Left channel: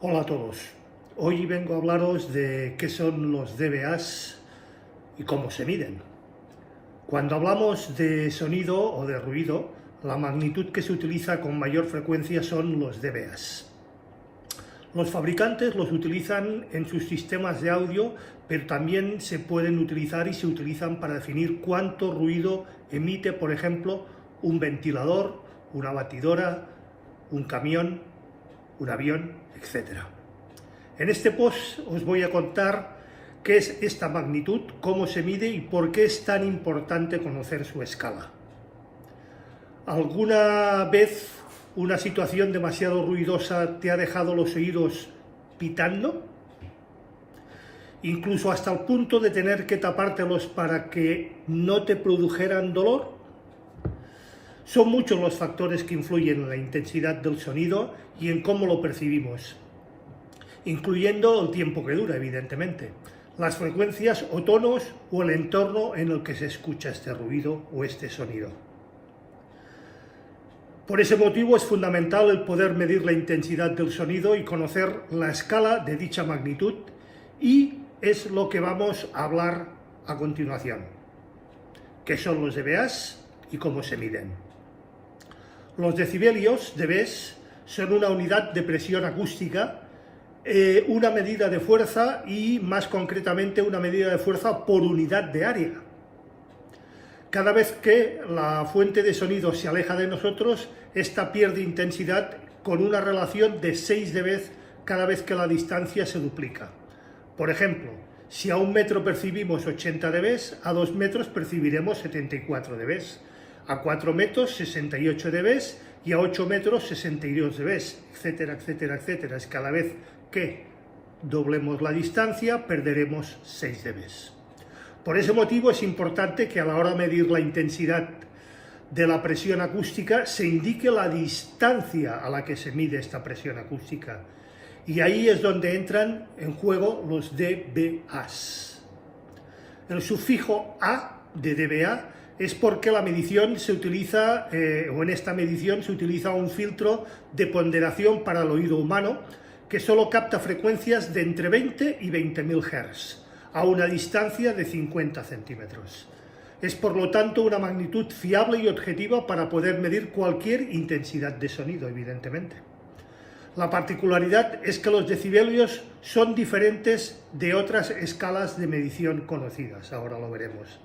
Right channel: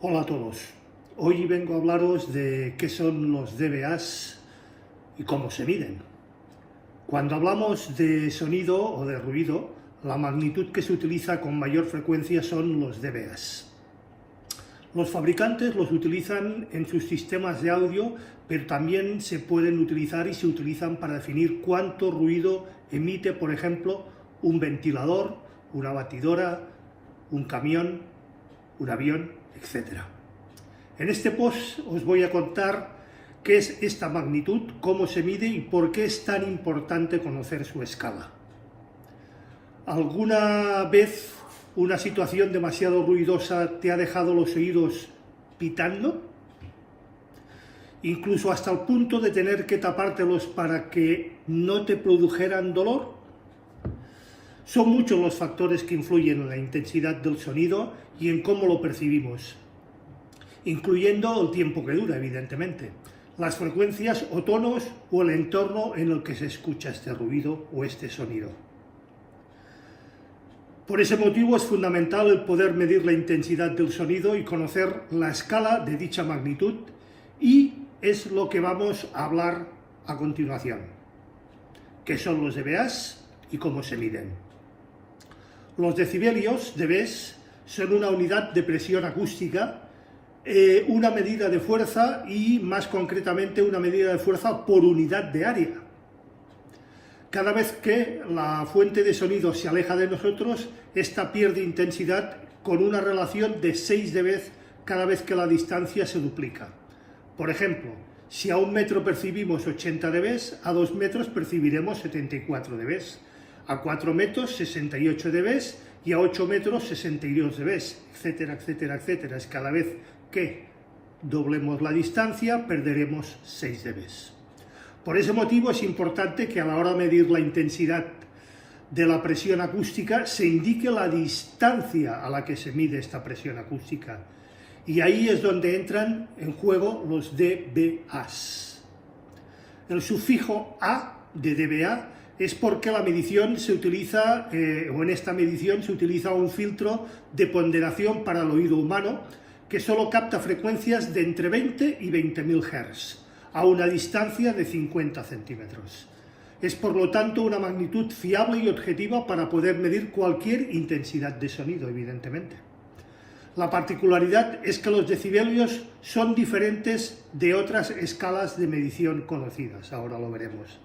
Hola a todos. Hoy vengo a hablaros de qué son los dBAs y cómo se miden. Cuando hablamos de sonido o de ruido, la magnitud que se utiliza con mayor frecuencia son los dBAs. Los fabricantes los utilizan en sus sistemas de audio, pero también se pueden utilizar y se utilizan para definir cuánto ruido emite, por ejemplo, un ventilador, una batidora, un camión, un avión, etc. En este post os voy a contar qué es esta magnitud, cómo se mide y por qué es tan importante conocer su escala. ¿Alguna vez una situación demasiado ruidosa te ha dejado los oídos pitando? Incluso hasta el punto de tener que tapártelos para que no te produjeran dolor. Son muchos los factores que influyen en la intensidad del sonido y en cómo lo percibimos, incluyendo el tiempo que dura, evidentemente, las frecuencias o tonos o el entorno en el que se escucha este ruido o este sonido. Por ese motivo es fundamental el poder medir la intensidad del sonido y conocer la escala de dicha magnitud, y es lo que vamos a hablar a continuación. ¿Qué son los dBAs y cómo se miden? Los decibelios, dBs, son una unidad de presión acústica, una medida de fuerza y, más concretamente, una medida de fuerza por unidad de área. Cada vez que la fuente de sonido se aleja de nosotros, esta pierde intensidad con una relación de 6 dB cada vez que la distancia se duplica. Por ejemplo, si a 1 metro percibimos 80 dB, a 2 metros percibiremos 74 dB, a 4 metros 68 dB y a 8 metros 62 dB, etcétera, etcétera, etcétera. Es cada vez que doblemos la distancia perderemos 6 dB. Por ese motivo es importante que a la hora de medir la intensidad de la presión acústica se indique la distancia a la que se mide esta presión acústica. Y ahí es donde entran en juego los dBAs. El sufijo A de dBA es porque la medición se utiliza, o en esta medición se utiliza un filtro de ponderación para el oído humano que solo capta frecuencias de entre 20 y 20.000 Hz a una distancia de 50 centímetros. Es por lo tanto una magnitud fiable y objetiva para poder medir cualquier intensidad de sonido, evidentemente. La particularidad es que los decibelios son diferentes de otras escalas de medición conocidas, ahora lo veremos.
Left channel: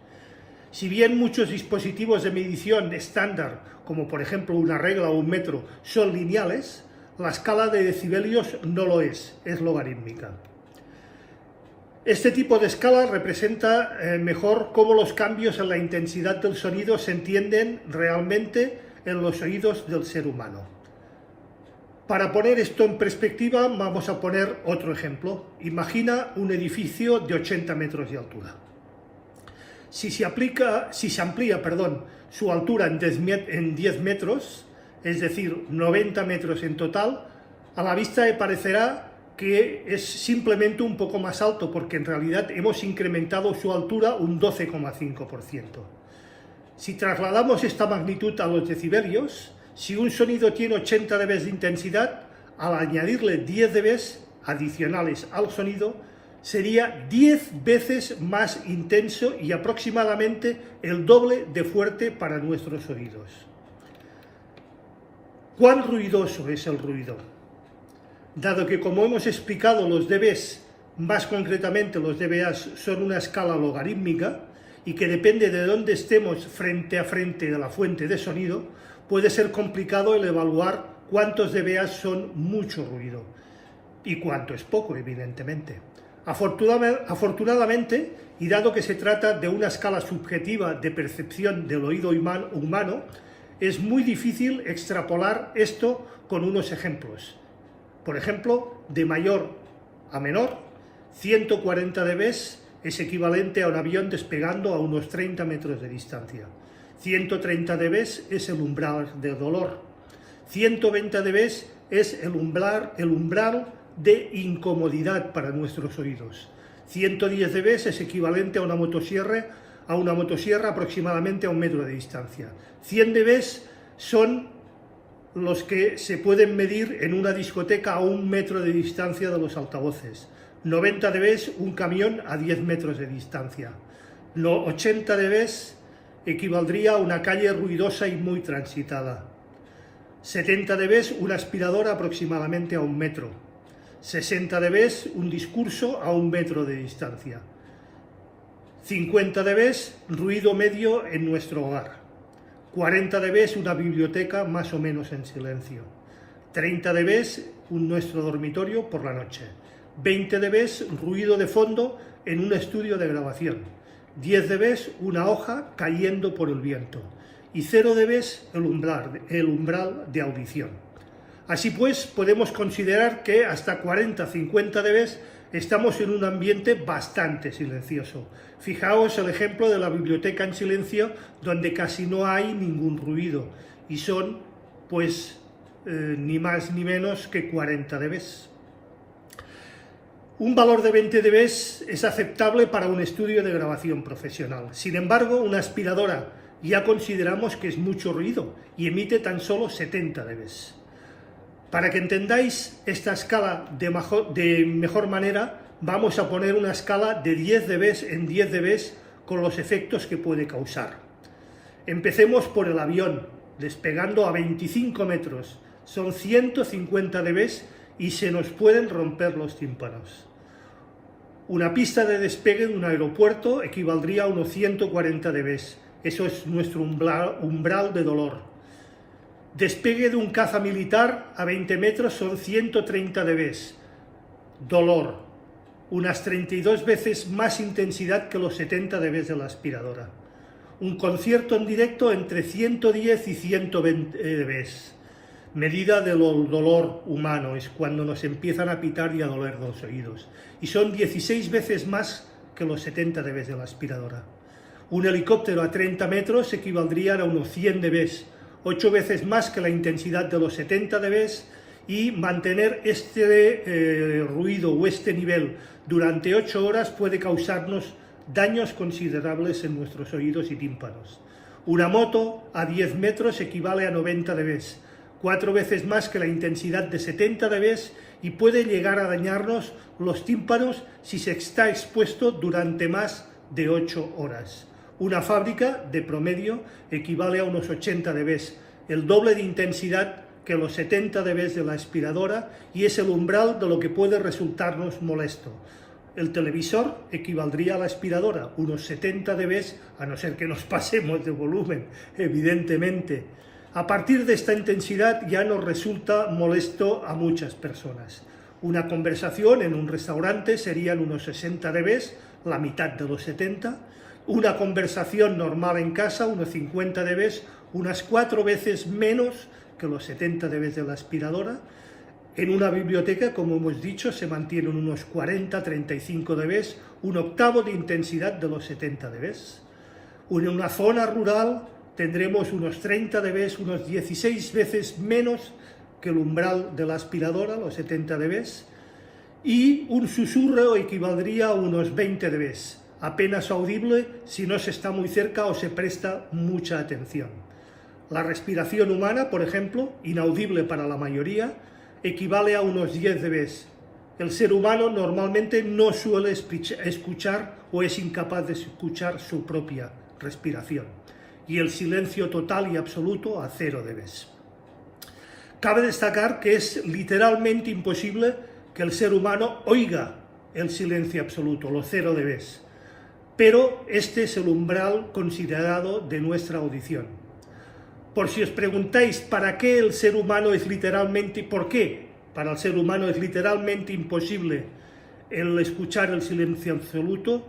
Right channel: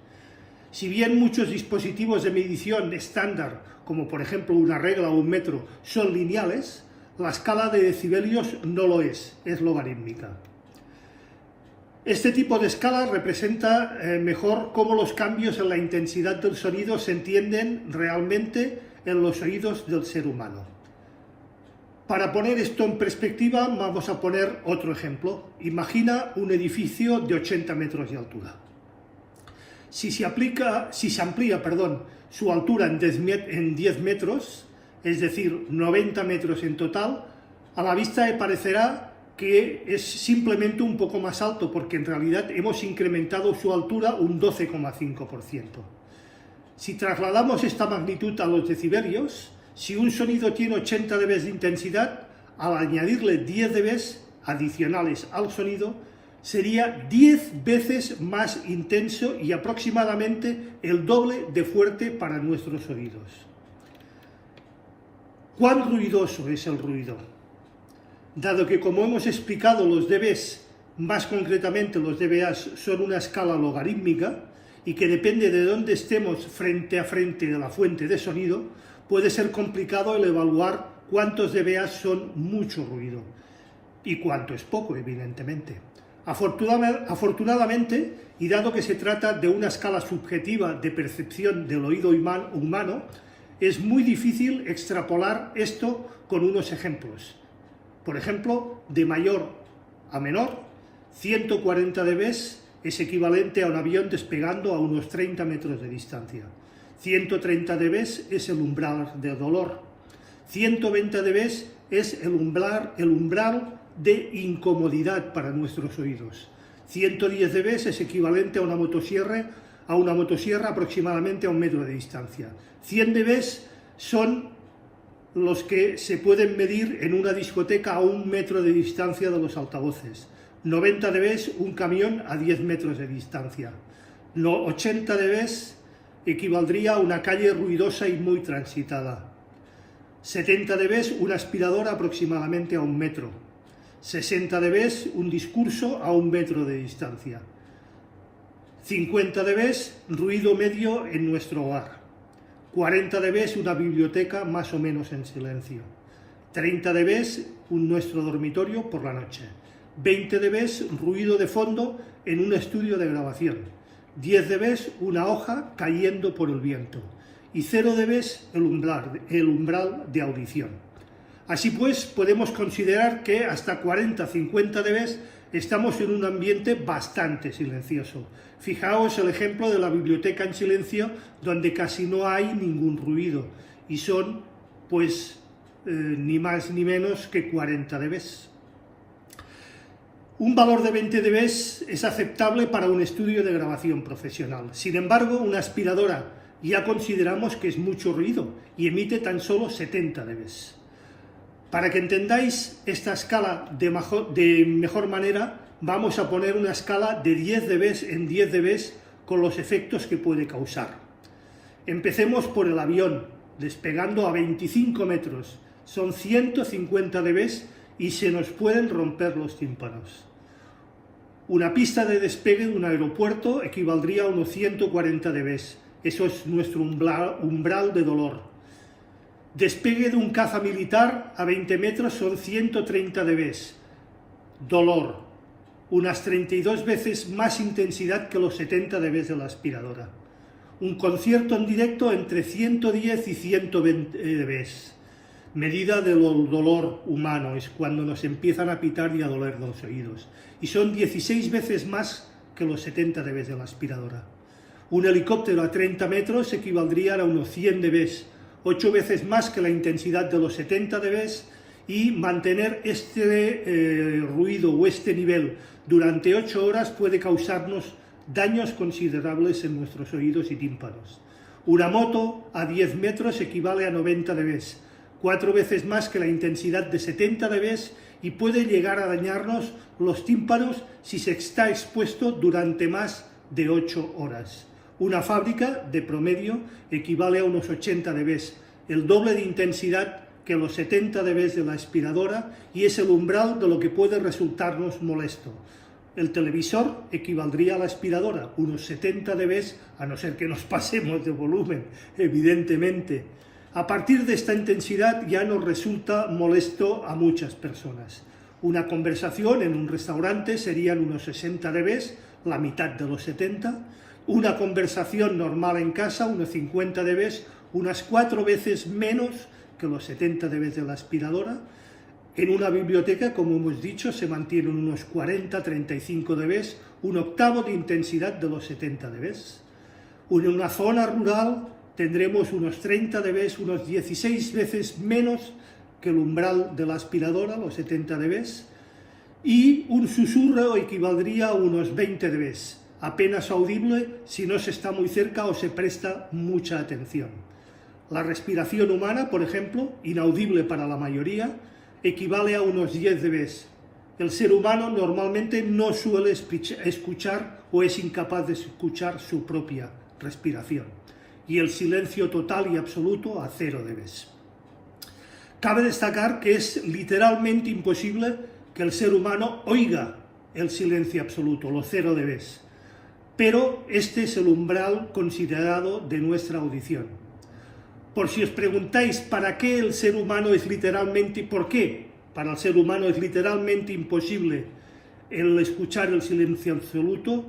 Si bien muchos dispositivos de medición estándar, como por ejemplo una regla o un metro, son lineales, la escala de decibelios no lo es logarítmica. Este tipo de escala representa mejor cómo los cambios en la intensidad del sonido se entienden realmente en los oídos del ser humano. Para poner esto en perspectiva, vamos a poner otro ejemplo. Imagina un edificio de 80 metros de altura. Si se amplía su altura en 10 metros, es decir, 90 metros en total, a la vista le parecerá que es simplemente un poco más alto, porque en realidad hemos incrementado su altura un 12,5%. Si trasladamos esta magnitud a los decibelios, si un sonido tiene 80 dB de intensidad, al añadirle 10 dB adicionales al sonido, sería 10 veces más intenso y aproximadamente el doble de fuerte para nuestros oídos. ¿Cuán ruidoso es el ruido? Dado que, como hemos explicado, los dBs, más concretamente los dBAs, son una escala logarítmica y que depende de dónde estemos frente a frente de la fuente de sonido, puede ser complicado el evaluar cuántos dBAs son mucho ruido y cuánto es poco, evidentemente. Afortunadamente, y dado que se trata de una escala subjetiva de percepción del oído humano, es muy difícil extrapolar esto con unos ejemplos. Por ejemplo, de mayor a menor, 140 dB es equivalente a un avión despegando a unos 30 metros de distancia. 130 dB es el umbral de dolor. 120 dB es el umbral de incomodidad para nuestros oídos. 110 dB es equivalente a una motosierra aproximadamente a 1 metro de distancia. 100 dB son los que se pueden medir en una discoteca a 1 metro de distancia de los altavoces. 90 dB un camión a 10 metros de distancia. 80 dB equivaldría a una calle ruidosa y muy transitada. 70 dB una aspiradora aproximadamente a 1 metro. 60 dB un discurso a 1 metro de distancia. 50 dB ruido medio en nuestro hogar. 40 dB una biblioteca más o menos en silencio. 30 dB nuestro dormitorio por la noche. 20 dB ruido de fondo en un estudio de grabación. 10 dB una hoja cayendo por el viento. Y 0 dB el umbral de audición. Así pues, podemos considerar que hasta 40-50 dB estamos en un ambiente bastante silencioso. Fijaos el ejemplo de la biblioteca en silencio, donde casi no hay ningún ruido, y son, pues, ni más ni menos que 40 dB. Un valor de 20 dB es aceptable para un estudio de grabación profesional. Sin embargo, una aspiradora ya consideramos que es mucho ruido y emite tan solo 70 dB. Para que entendáis esta escala de mejor manera, vamos a poner una escala de 10 dB en 10 dB con los efectos que puede causar. Empecemos por el avión, despegando a 25 metros. Son 150 dB y se nos pueden romper los tímpanos. Una pista de despegue de un aeropuerto equivaldría a unos 140 dB. Eso es nuestro umbral de dolor. Despegue de un caza militar a 20 metros son 130 dB. Dolor. Unas 32 veces más intensidad que los 70 dB de la aspiradora. Un concierto en directo entre 110 y 120 dB. Medida del dolor humano es cuando nos empiezan a pitar y a doler los oídos. Y son 16 veces más que los 70 dB de la aspiradora. Un helicóptero a 30 metros equivaldría a unos 100 dB, 8 veces más que la intensidad de los 70 dB, y mantener este ruido o este nivel durante 8 horas puede causarnos daños considerables en nuestros oídos y tímpanos. Una moto a 10 metros equivale a 90 dB, 4 veces más que la intensidad de 70 dB, y puede llegar a dañarnos los tímpanos si se está expuesto durante más de 8 horas. Una fábrica, de promedio, equivale a unos 80 dB, el doble de intensidad que los 70 dB de la aspiradora, y es el umbral de lo que puede resultarnos molesto. El televisor equivaldría a la aspiradora, unos 70 dB, a no ser que nos pasemos de volumen, evidentemente. A partir de esta intensidad ya nos resulta molesto a muchas personas. Una conversación en un restaurante serían unos 60 dB, la mitad de los 70. Una conversación normal en casa, unos 50 dB, unas 4 veces menos que los 70 dB de la aspiradora. En una biblioteca, como hemos dicho, se mantienen unos 40-35 dB, un octavo de intensidad de los 70 dB. En una zona rural tendremos unos 30 dB, unos 16 veces menos que el umbral de la aspiradora, los 70 dB, y un susurro equivaldría a unos 20 dB, apenas audible si no se está muy cerca o se presta mucha atención. La respiración humana, por ejemplo, inaudible para la mayoría, equivale a unos 10 dB. El ser humano normalmente no suele escuchar o es incapaz de escuchar su propia respiración. Y el silencio total y absoluto a 0 dB. Cabe destacar que es literalmente imposible que el ser humano oiga el silencio absoluto, los 0 dB. Pero este es el umbral considerado de nuestra audición. Por si os preguntáis para qué el ser humano es literalmente, ¿por qué para el ser humano es literalmente imposible el escuchar el silencio absoluto?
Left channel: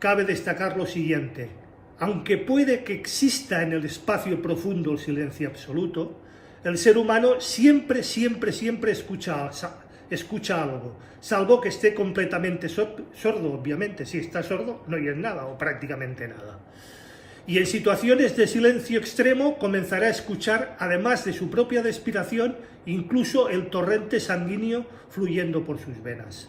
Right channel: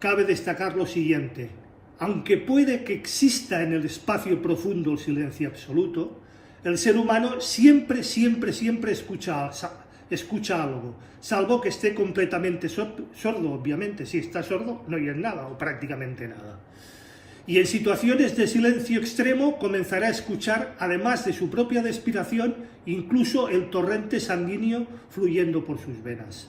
Cabe destacar lo siguiente: aunque puede que exista en el espacio profundo el silencio absoluto, el ser humano siempre escucha algo, salvo que esté completamente sordo, obviamente. Si está sordo, no oye nada o prácticamente nada. Y en situaciones de silencio extremo comenzará a escuchar, además de su propia respiración, incluso el torrente sanguíneo fluyendo por sus venas.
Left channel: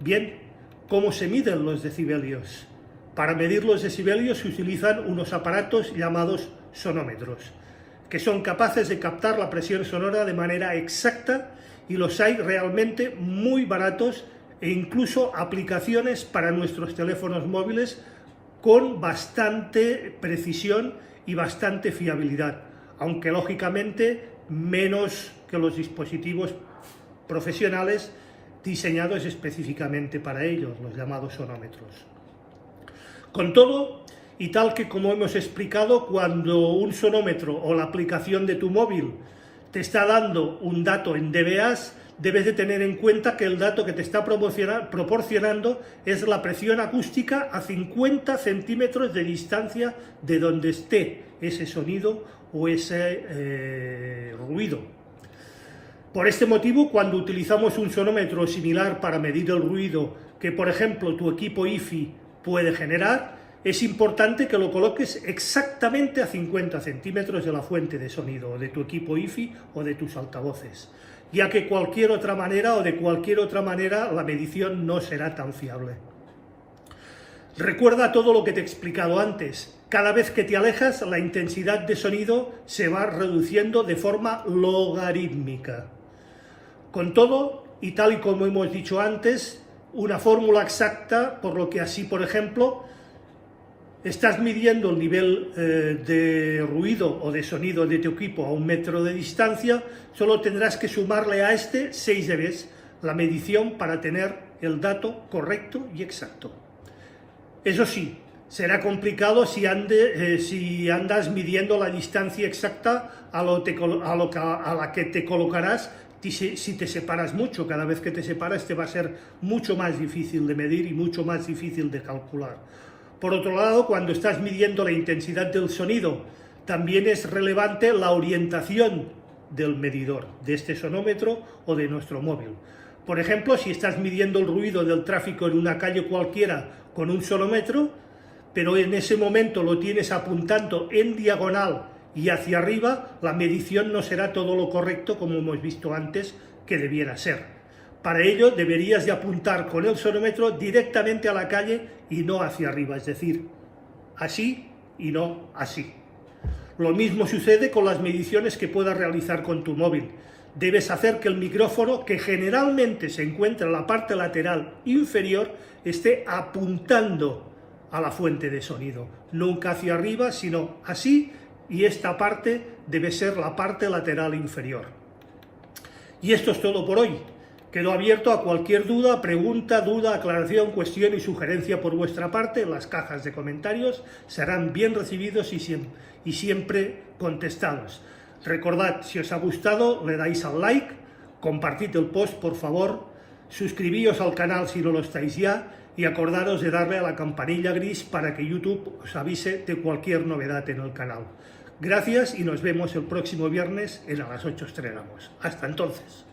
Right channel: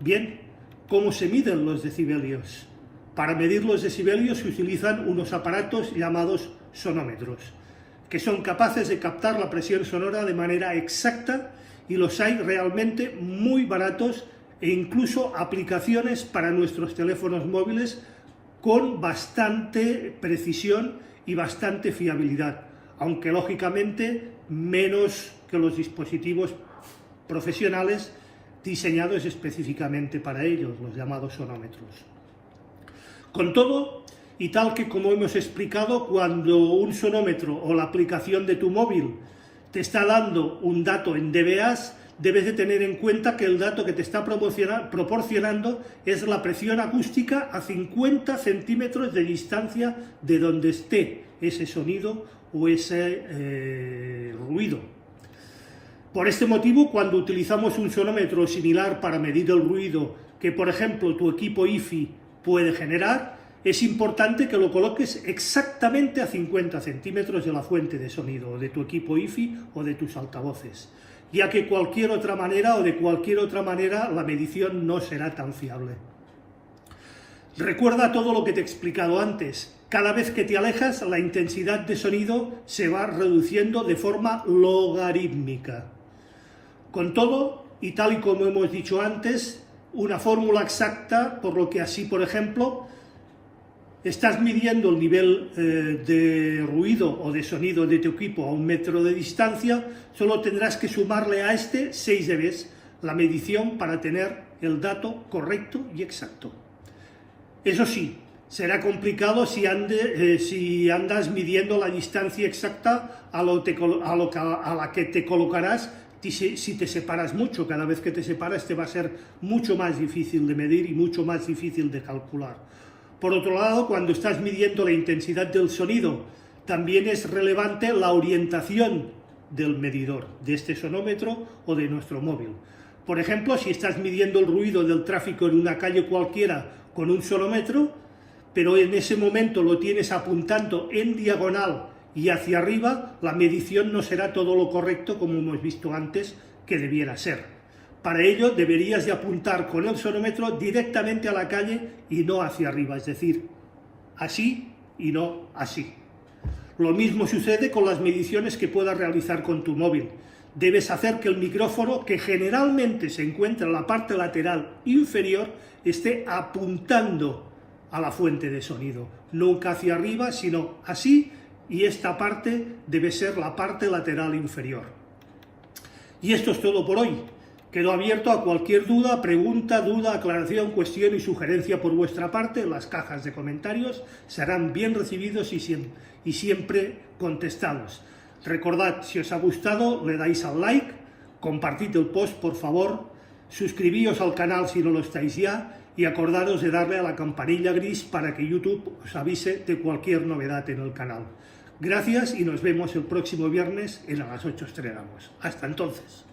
Bien, ¿cómo se miden los decibelios? Para medir los decibelios se utilizan unos aparatos llamados sonómetros. que son capaces de captar la presión sonora de manera exacta, y los hay realmente muy baratos e incluso aplicaciones para nuestros teléfonos móviles con bastante precisión y bastante fiabilidad, aunque lógicamente menos que los dispositivos profesionales diseñados específicamente para ellos, los llamados sonómetros. Con todo, y tal que como hemos explicado, cuando un sonómetro o la aplicación de tu móvil te está dando un dato en dBAs, debes de tener en cuenta que el dato que te está proporcionando es la presión acústica a 50 centímetros de distancia de donde esté ese sonido o ese ruido. Por este motivo, cuando utilizamos un sonómetro similar para medir el ruido que, por ejemplo, tu equipo hi-fi puede generar, es importante que lo coloques exactamente a 50 centímetros de la fuente de sonido, o de tu equipo hi-fi o de tus altavoces, ya que de cualquier otra manera la medición no será tan fiable. Recuerda todo lo que te he explicado antes. Cada vez que te alejas, la intensidad de sonido se va reduciendo de forma logarítmica. Con todo, y tal y como hemos dicho antes, una fórmula exacta, por lo que así, por ejemplo, estás midiendo el nivel de ruido o de sonido de tu equipo a 1 metro de distancia, solo tendrás que sumarle a este 6 dB, la medición, para tener el dato correcto y exacto. Eso sí, será complicado si andas midiendo la distancia exacta a la que te colocarás si te separas mucho. Cada vez que te separas te va a ser mucho más difícil de medir y mucho más difícil de calcular. Por otro lado, cuando estás midiendo la intensidad del sonido, también es relevante la orientación del medidor, de este sonómetro o de nuestro móvil. Por ejemplo, si estás midiendo el ruido del tráfico en una calle cualquiera con un sonómetro, pero en ese momento lo tienes apuntando en diagonal y hacia arriba, la medición no será todo lo correcto, como hemos visto antes, que debiera ser. Para ello deberías de apuntar con el sonómetro directamente a la calle y no hacia arriba, es decir, así y no así. Lo mismo sucede con las mediciones que puedas realizar con tu móvil. Debes hacer que el micrófono, que generalmente se encuentra en la parte lateral inferior, esté apuntando a la fuente de sonido, nunca hacia arriba, sino así, y esta parte debe ser la parte lateral inferior. Y esto es todo por hoy. Quedo abierto a cualquier duda, pregunta, aclaración, cuestión y sugerencia por vuestra parte. Las cajas de comentarios serán bien recibidos y siempre contestados. Recordad, si os ha gustado, le dais al like, compartid el post, por favor, suscribíos al canal si no lo estáis ya, y acordaros de darle a la campanilla gris para que YouTube os avise de cualquier novedad en el canal. Gracias y nos vemos el próximo viernes a las 8 estrenamos. Hasta entonces.